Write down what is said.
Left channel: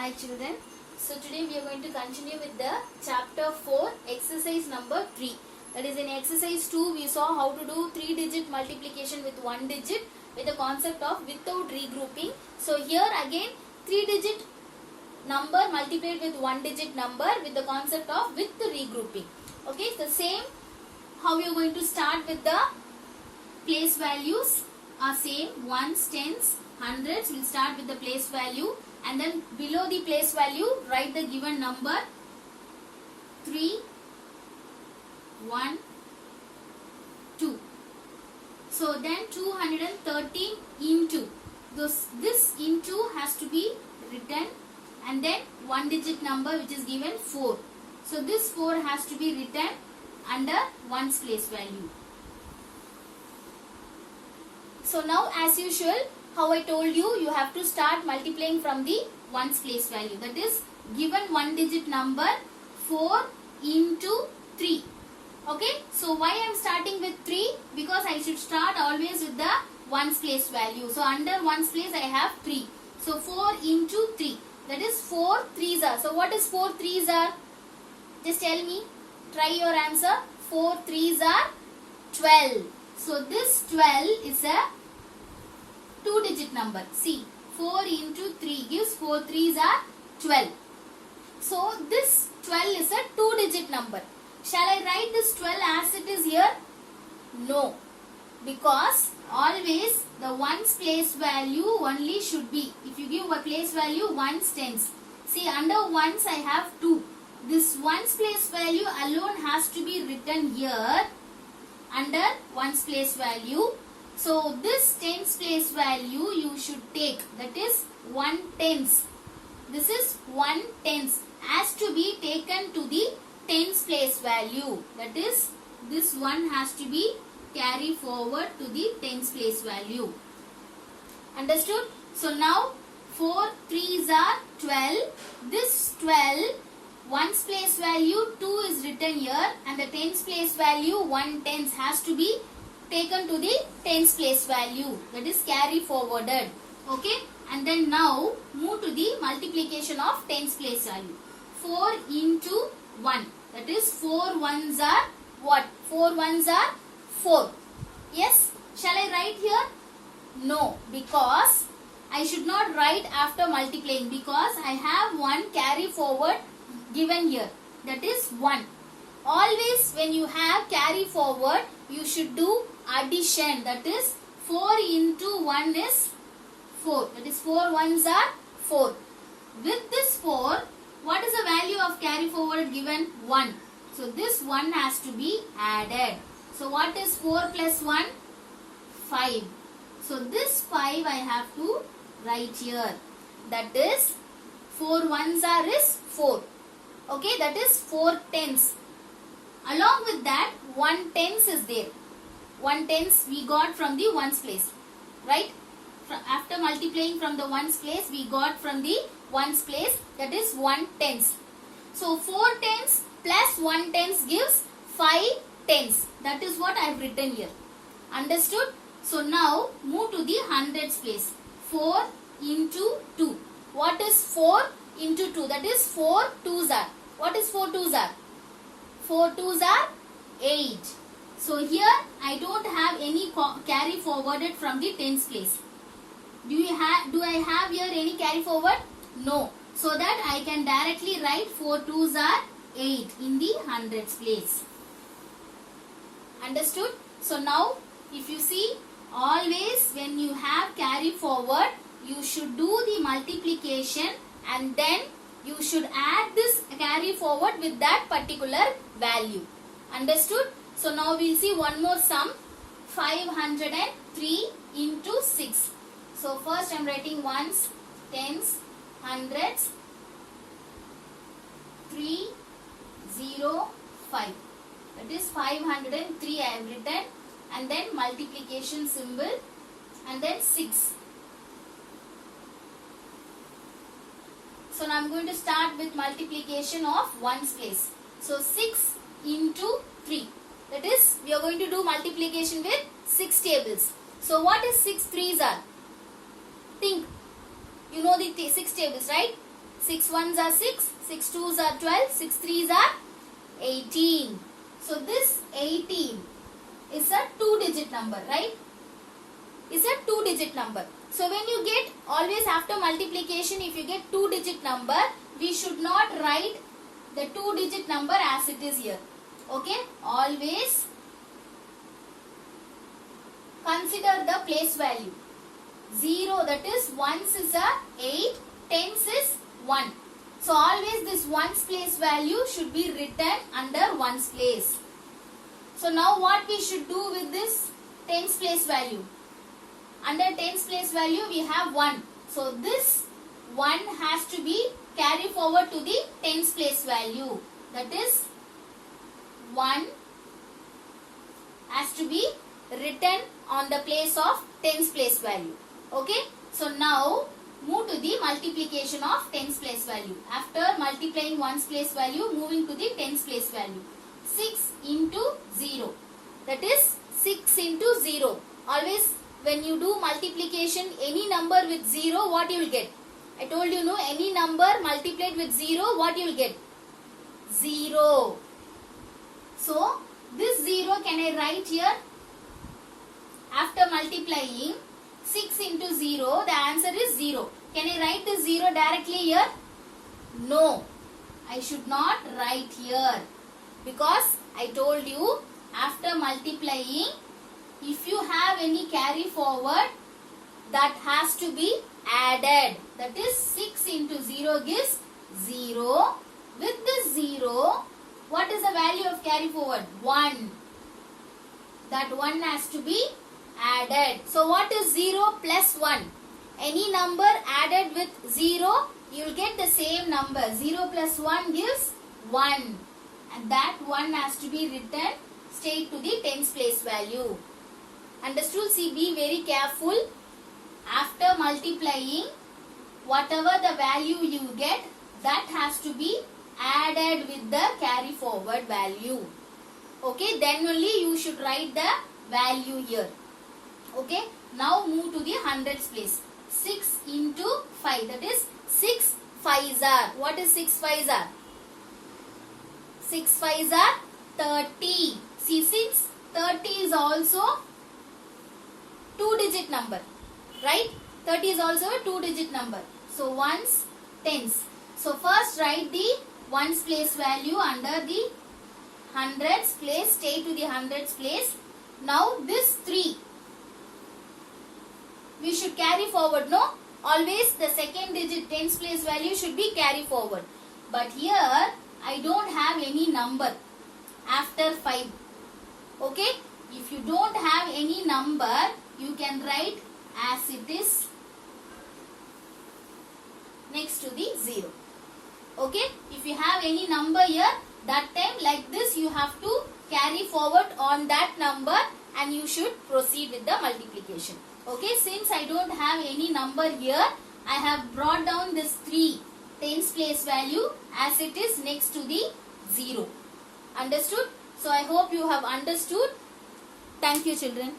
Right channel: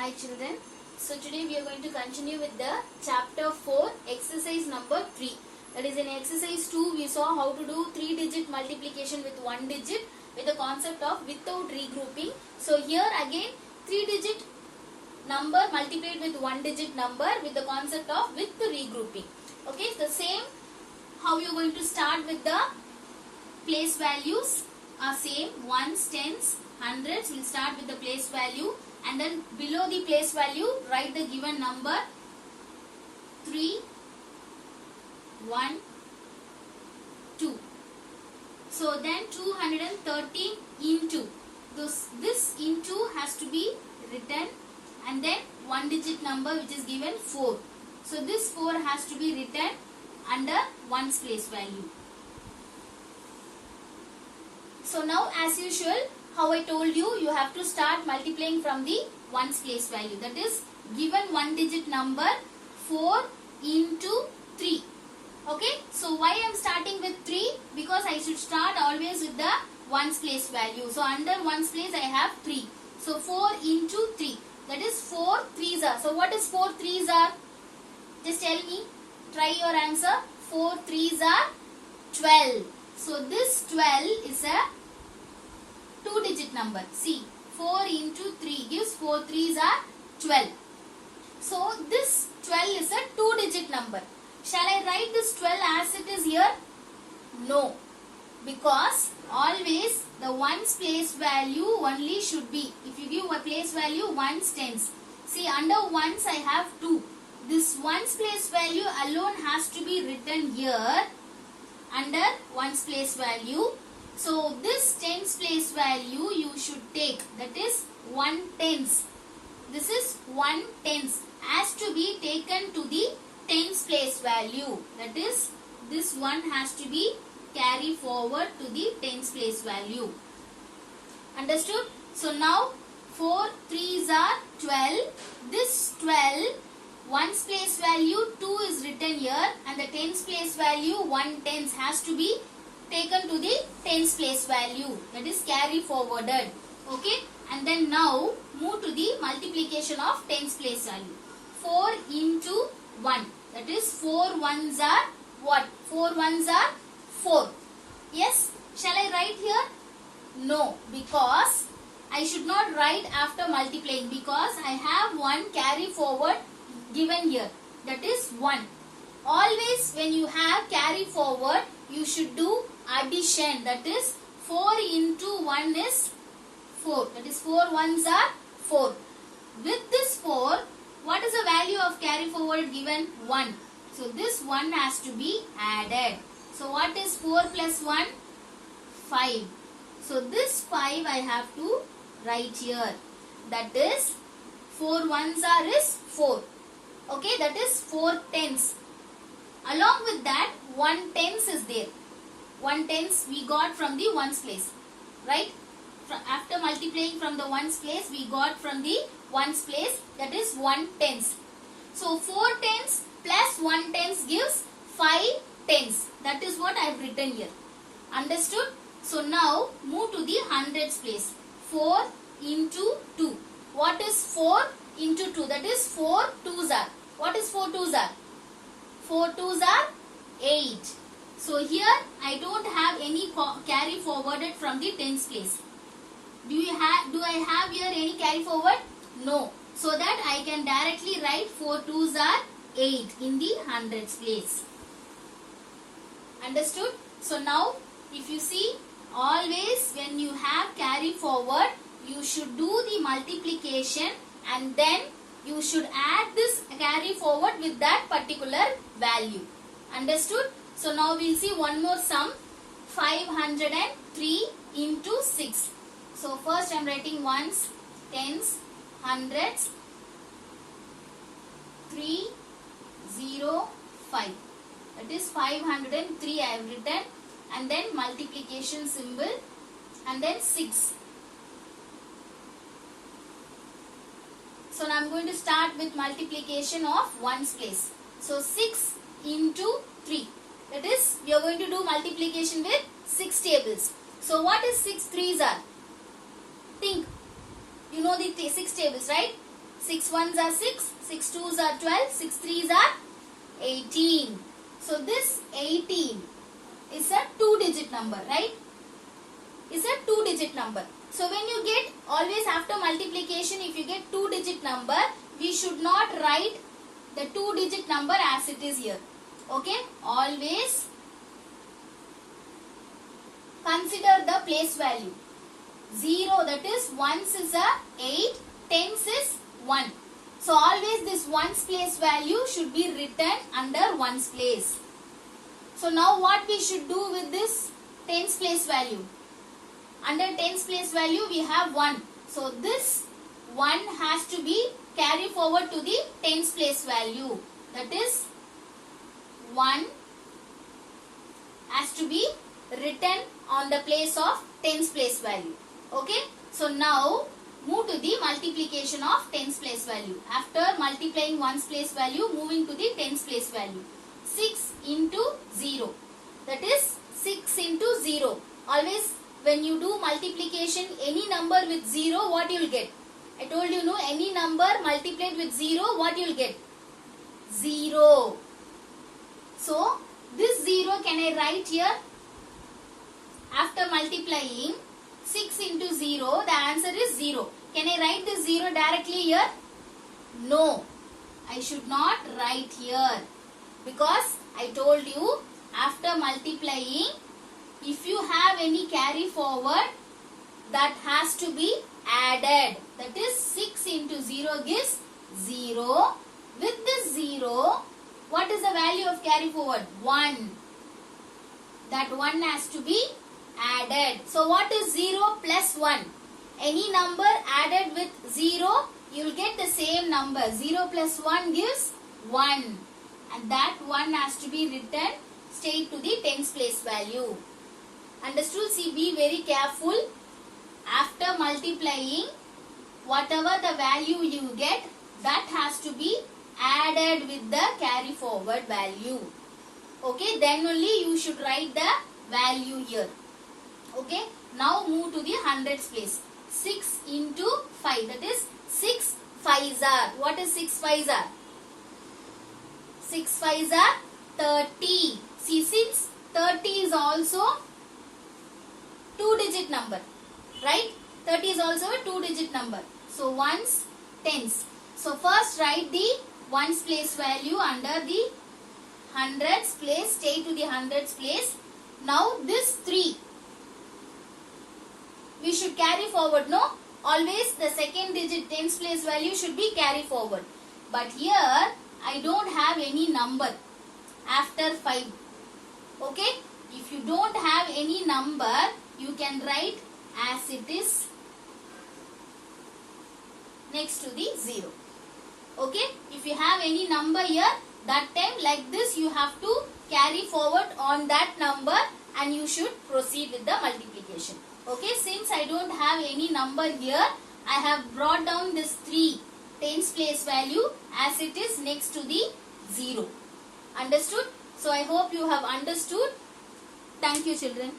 Hi children. So today we are going to continue with the chapter 4 exercise number 3. That is in exercise 2 we saw how to do 3-digit multiplication with 1 digit with the concept of without regrouping. So here again 3-digit number multiplied with 1-digit number with the concept of with the regrouping. Okay, the same how we are going to start with the place values are same, ones, tens, hundreds. We'll start with the place value and then below the place value write the given number 3, 1, 2. So then 213 into this into has to be written and then 1-digit number which is given 4. So this 4 has to be written under ones place value. So now as usual, how I told you, you have to start multiplying from the ones place value. That is given 1-digit number 4 into 3. Okay. So why I am starting with 3? Because I should start always with the ones place value. So under ones place I have 3. So 4 into 3. That is 4 3s are. So what is 4 3s are? Just tell me. Try your answer. 4 3s are 12. So this 12 is a 2-digit number. See, 4 into 3 gives 4 3s are 12. So this 12 is a 2-digit number. Shall I write this 12 as it is here? No. Because always the ones place value only should be. If you give a place value ones tens. See, under ones I have 2. This ones place value alone has to be written here under ones place value. So this tens place value you should take, that is 1 tens. This is 1 tens has to be taken to the tens place value. That is this one has to be carried forward to the tens place value. Understood? So now 4 3s are 12. This 12 ones place value 2 is written here and the tens place value 1 tens has to be taken to the tens place value, that is carry forwarded. Okay, and then now move to the multiplication of tens place value. 4 into 1, that is 4 ones are what? 4 ones are 4. Yes, shall I write here? No, because I should not write after multiplying because I have one carry forward given here, that is 1. Always when you have carry forward you should do addition, that is 4 into 1 is 4, that is 4 ones are 4. With this 4, what is the value of carry forward given? 1. So this 1 has to be added. So what is 4 plus 1? 5. So this 5 I have to write here, that is 4 ones are is 4. Okay, that is 4 tens. Along with that 1 tens is there. 1 tens we got from the ones place, right? After multiplying from the ones place we got from the ones place, that is 1 tens. So 4 tens plus 1 tens gives 5 tens. That is what I have written here. Understood? So now move to the hundreds place. 4 into 2. What is 4 into 2? That is 4 2s are. What is 4 2s are? 4 2s are 8. So here I don't have any carry forwarded from the tens place. Do I have here any carry forward? No. So that I can directly write 4 2s are 8 in the hundreds place. Understood? So now if you see, always when you have carry forward you should do the multiplication and then you should add this carry forward with that particular value. Understood? So now we will see one more sum. 503 into 6. So first I am writing ones, tens, hundreds, 3, 0, 5. That is 503 I have written and then multiplication symbol and then 6. So now I am going to start with multiplication of ones place. So 6 into 3. That is, we are going to do multiplication with 6 tables. So what is 6 3s are? Think. You know the 6 tables, right? 6 ones are 6, 6 twos are 12, 6 threes are 18. So this 18 is a 2-digit number, right? Is a 2-digit number. So when you get, always after multiplication, if you get 2-digit number, we should not write the 2-digit number as it is here. Okay? Always consider the place value. 0, that is ones is a 8, tens is 1. So always this ones place value should be written under ones place. So now what we should do with this tens place value? Under tens place value we have 1. So this 1 has to be carried forward to the tens place value. That is 1 has to be written on the place of tens place value. Okay. So now move to the multiplication of tens place value. After multiplying ones place value, moving to the tens place value. 6 into 0. That is 6 into 0. Always when you do multiplication, any number with 0, what you will get? I told you, no, any number multiplied with 0, what you will get? 0. So this 0 can I write here? After multiplying 6 into 0, the answer is 0. Can I write this 0 directly here? No. I should not write here. Because I told you, after multiplying, if you have any carry forward, that has to be added. That is 6 into 0 gives 0. With this 0, what is the value of carry forward? 1. That 1 has to be added. So what is 0 plus 1? Any number added with 0, you will get the same number. 0 plus 1 gives 1. And that 1 has to be written straight to the tens place value. Understood? See, be very careful. After multiplying, whatever the value you get, that has to be added with the carry forward value. Okay, then only you should write the value here. Okay, now move to the hundreds place. 6 into 5, that is 6 5s are. What is 6 5s are? 6 5s are 30. See, since 30 is also 2-digit number, right? 30 is also a 2-digit number. So ones, tens. So first write the ones place value under the hundreds place. Stay to the hundreds place. Now this 3 we should carry forward. No, always the second digit tens place value should be carry forward. But here I don't have any number after 5. Okay, if you don't have any number, you can write as it is next to the 0. Okay, if you have any number here, that time like this you have to carry forward on that number and you should proceed with the multiplication. Okay, since I don't have any number here, I have brought down this 3 tens place value as it is next to the 0. Understood? So I hope you have understood. Thank you, children.